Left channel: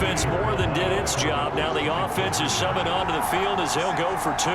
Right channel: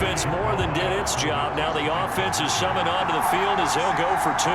defense more than did its job. Now the offense is summoned onto the field as they'll go for 2.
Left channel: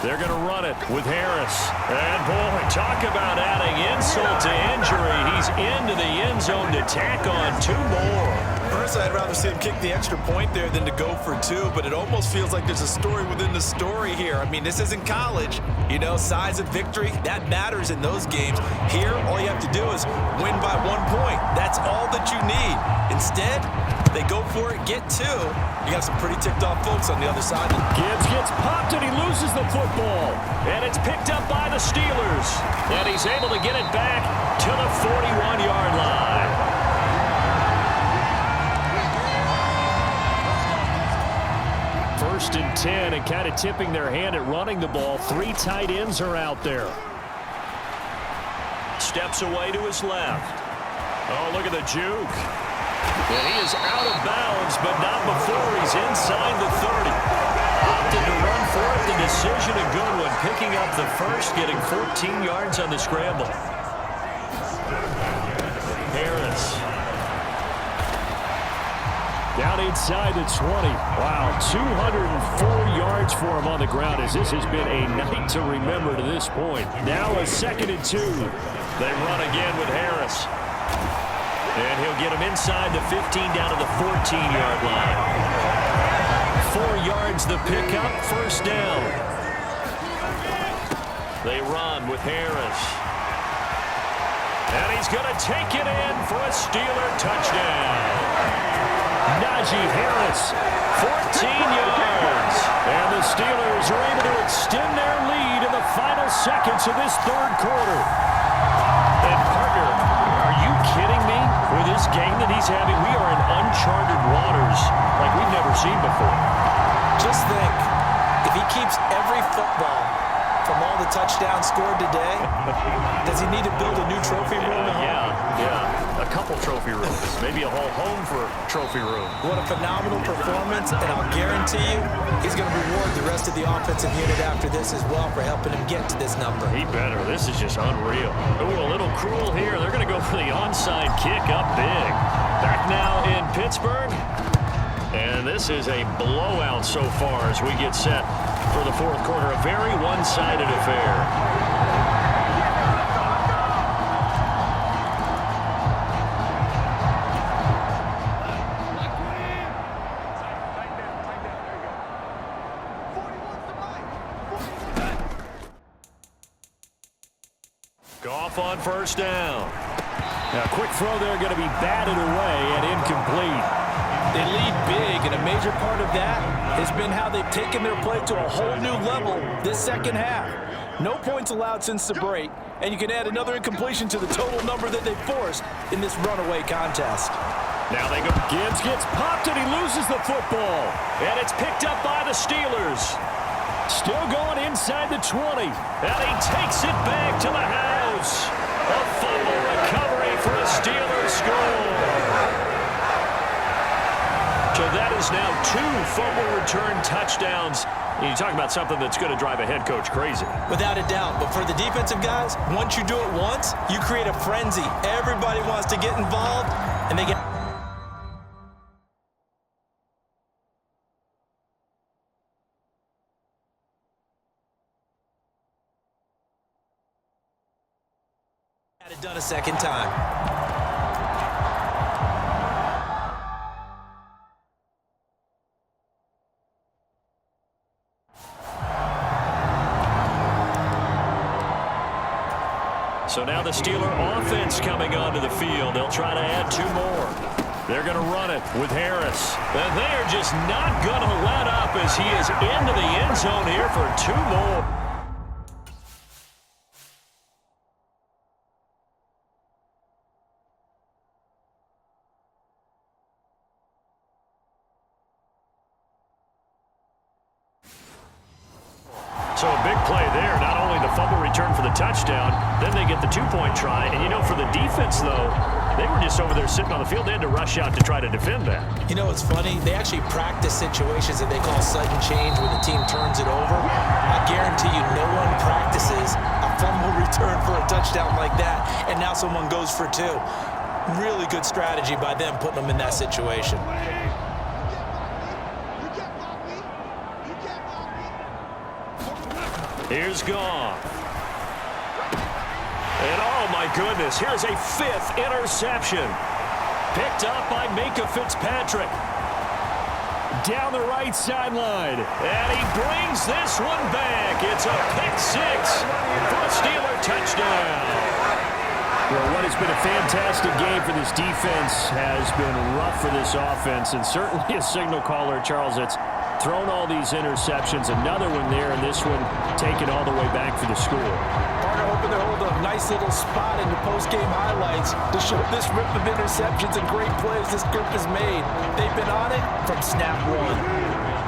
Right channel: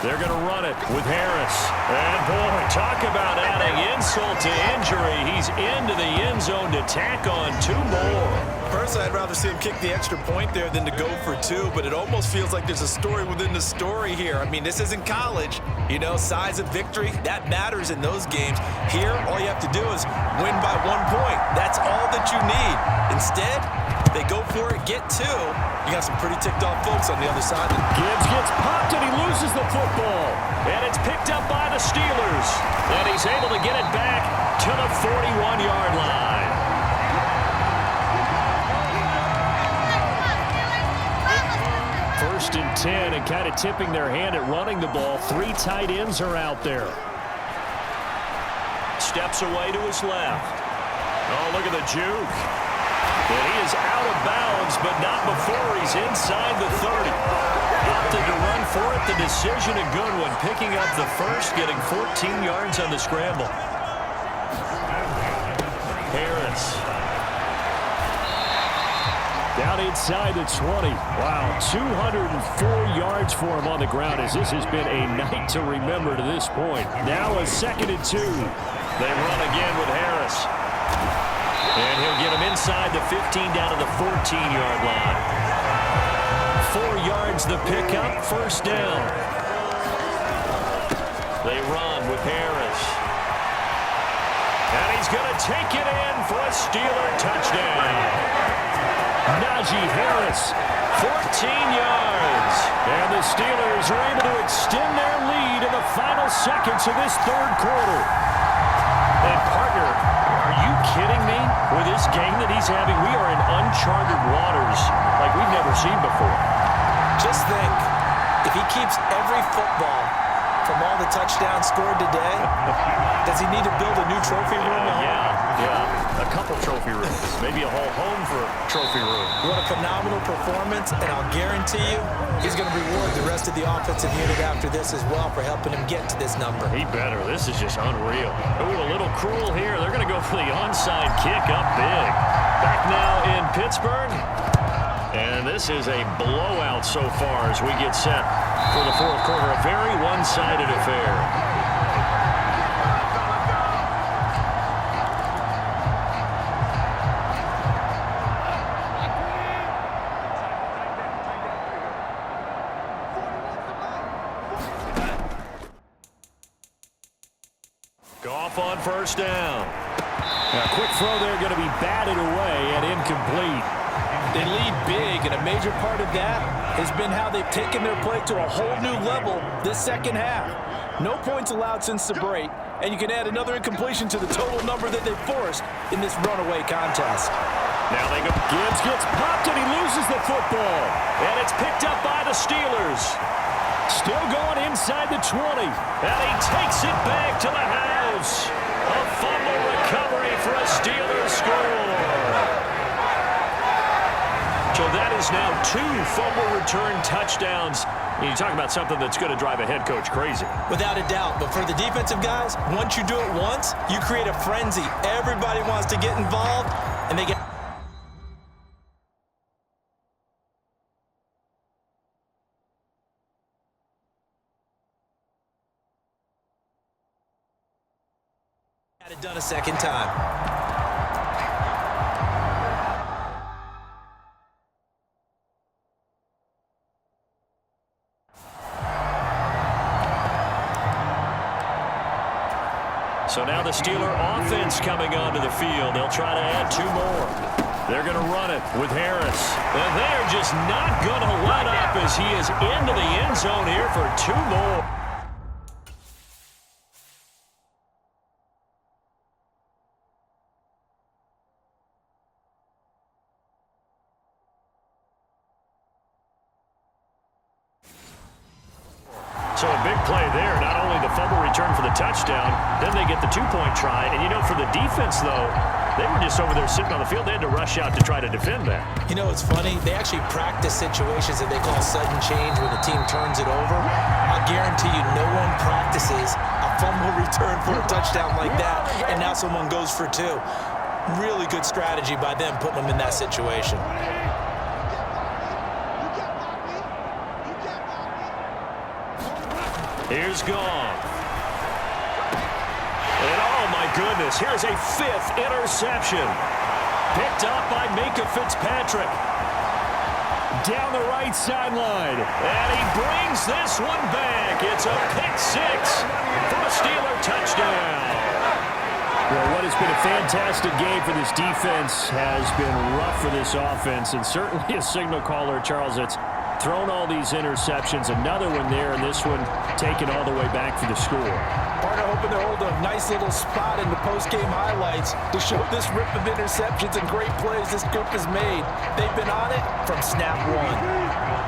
They're going to run it with Harris. And, boy, talk about adding insult to injury. He's into the end zone to tack on 2 more. Personally, I'd rather see him kick the extra point there than to go for 2, but it almost feels like there's a story within the story here. I mean, this isn't college. You know, size of victory, that matters in those games. Here, all you have to do is win by 1 point. That's all that you need. Instead, they go for it, get 2. You got some pretty ticked-off folks on the other side. Gibbs gets popped, and he loses the football. And it's picked up by the Steelers. And he's able to get it back to the 41-yard line. First and 10, and kind of tipping their hand at running the ball. 3 tight ends are out there. Steps away to his left. Oh, look at the juke. And he is out of bounds, but not before he's inside the 30. Opted to run for it. The decision a good one. Picking up the first, getting 14 yards on the scramble. Harris. Down inside the 20. Wow, 204 yards for him on the ground as this has been a night to remember to this point. Now a 2nd and 2. They run again with Harris. And he'll get him inside the 15 down to the 14-yard line. 4 yards the pickup, first down. They run with Harris. And he's going to take it in for a Steeler touchdown. Najee Harris, 14 yards. And the Steelers are able to extend their lead in the final seconds of this 3rd quarter. And, partner, are you kidding me? With this game that he's having, we are in uncharted waters like we've never seen before. Just think, if he keeps every football from all the touchdowns scored today, does he need to build a new trophy room? Yeah. A couple trophy rooms. Maybe a whole home for trophy room. What a phenomenal performance, and I'll guarantee you he's going to reward the rest of the offensive unit after this as well for helping him get to this number. He better. This is just unreal. Ooh, a little cruel here. They're going to go for the onside kick up big. Back now in Pittsburgh. And this is a blowout so far as we get set for the 4th quarter. A very one-sided affair. Goff on first down. A quick throw there going to be batted away and incomplete. They lead big, and a major part of that has been how they've taken their play to a whole new level this 2nd half. No points allowed since the break, and you can add another incompletion to the total number that they've forced in this runaway contest. Now they go. Gibbs gets popped, and he loses the football. And it's picked up by the Steelers. Still going inside the 20. And he takes it back to the house. A fumble recovery for a Steelers score. So that is now 2 fumble return touchdowns. You talk about something that's going to drive a head coach crazy. Without a doubt. But for the defensive guys, once you do it once, you create a frenzy. Everybody wants to get involved, and they get... Got it done a second time. So now the Steeler offense coming onto the field. They'll try to add 2 more. They're going to run it with Harris. And they are just not going to let up as he is into the end zone here for 2 more. So a big play there, not only the fumble return for the touchdown, then they get the two-point try. And, you know, for the defense, though, they were just over there sitting on the field. They had to rush out to try to defend that. You know, it's funny. They actually practice situations that they call sudden change where the team turns it over. I guarantee you no one practices a fumble return for a touchdown like that, and now someone goes for two. Really good strategy by them putting them in that situation. Here's Goff. And oh my goodness, here's a fifth interception. Picked up by Minka Fitzpatrick. Down the right sideline. And he brings this one back. It's a pick six for a Steeler touchdown. Well, what has been a fantastic game for this defense has been rough for this offense, and certainly a signal caller, Charles, it's thrown all these interceptions. Another one there, and this one taken all the way back for the score. Partner hoping to hold a nice little spot in the post-game highlights to show this rip of interceptions and great plays this group has made. They've been on it from snap one.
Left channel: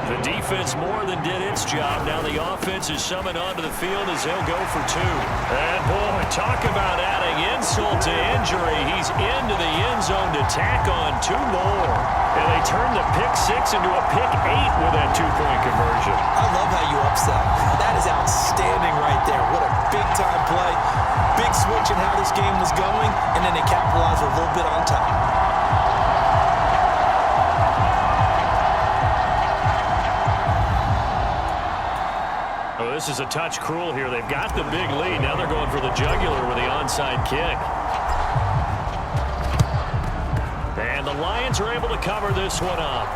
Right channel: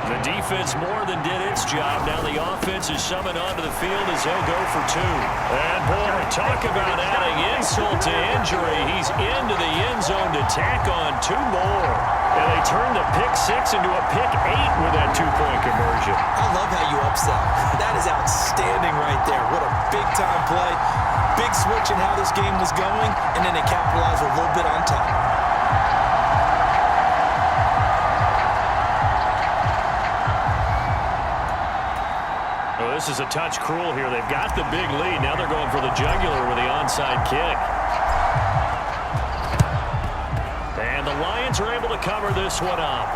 The defense more than did its job. Now the offense is summoned onto the field as they'll go for two. And boy, talk about adding insult to injury. He's into the end zone to tack on two more. And they turn the pick six into a pick eight with that two-point conversion. I love how you upsell. That is outstanding right there. What a big-time play. Big switch in how this game was going, and then they capitalized a little bit on top. Oh, this is a touch cruel here. They've got the big lead. Now they're going for the jugular with the onside kick. And the Lions are able to cover this one up.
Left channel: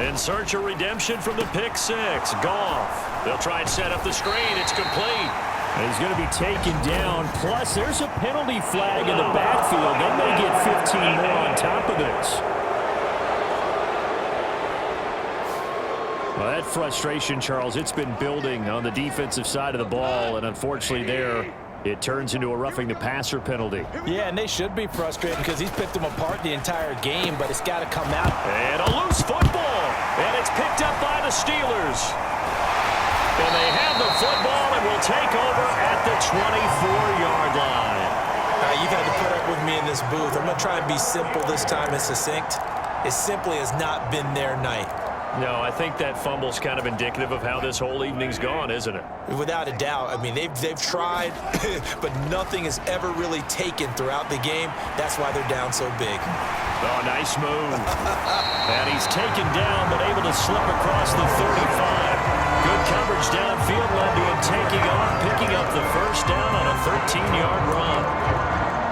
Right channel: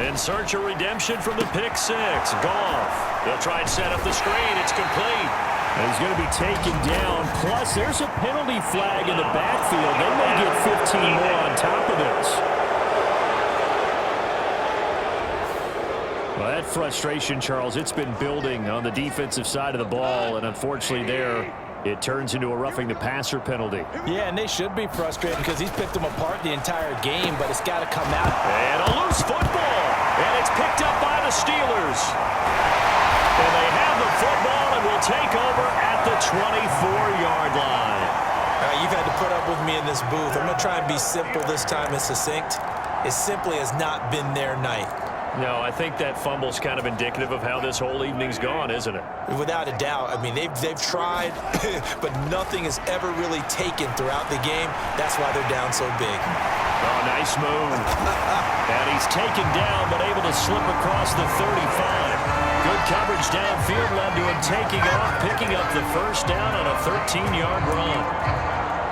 In search of redemption from the pick six. Goff. They'll try and set up the screen. It's complete. And he's going to be taken down. Plus, there's a penalty flag in the backfield. They may get 15 more on top of this. Well, that frustration, Charles, it's been building on the defensive side of the ball. And unfortunately there, it turns into a roughing the passer penalty. Yeah, and they should be frustrated because he's picked them apart the entire game, but it's got to come out. And a loose football. And it's picked up by the Steelers. And they have the football and will take over at the 24-yard line. All right, you've had to put up with me in this booth. I'm going to try and be simple this time and succinct. It simply has not been their night. No, I think that fumble's kind of indicative of how this whole evening's gone, isn't it? Without a doubt. I mean, they've tried, but nothing has ever really taken throughout the game. That's why they're down so big. Oh, nice move. And he's taken down, but able to slip across the 35. Good coverage downfield led to him taking off, picking up the first down on a 13-yard run.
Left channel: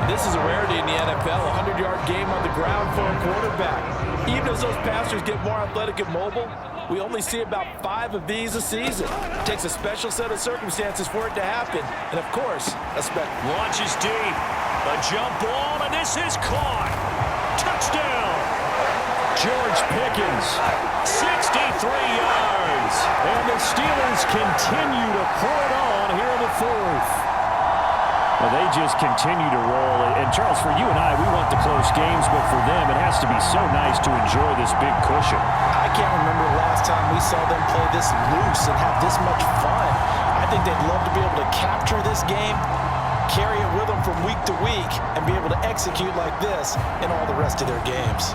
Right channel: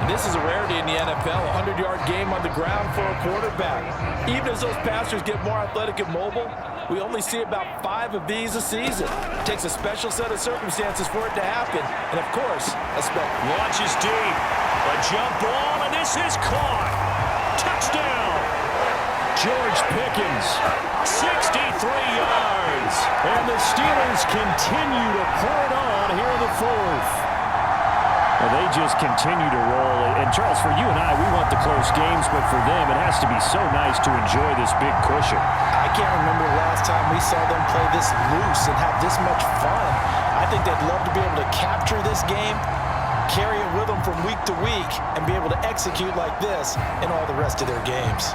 And this is a rarity in the NFL, a 100-yard game on the ground for a quarterback. Even as those passers get more athletic and mobile, we only see about 5 of these a season. It takes a special set of circumstances for it to happen. And, of course, launches deep. A jump ball, and this is caught. Touchdown. George Pickens, 63 yards. And the Steelers continue to pour it on here in the fourth. Well, they just continue to roll. And, Charles, for you and I, we want the close games, but for them, it has to be so nice to enjoy this big cushion. I can't remember the last time we saw them play this loose and have this much fun. I think they'd love to be able to capture this game, carry it with them from week to week, and be able to execute like this in all the rest of their games.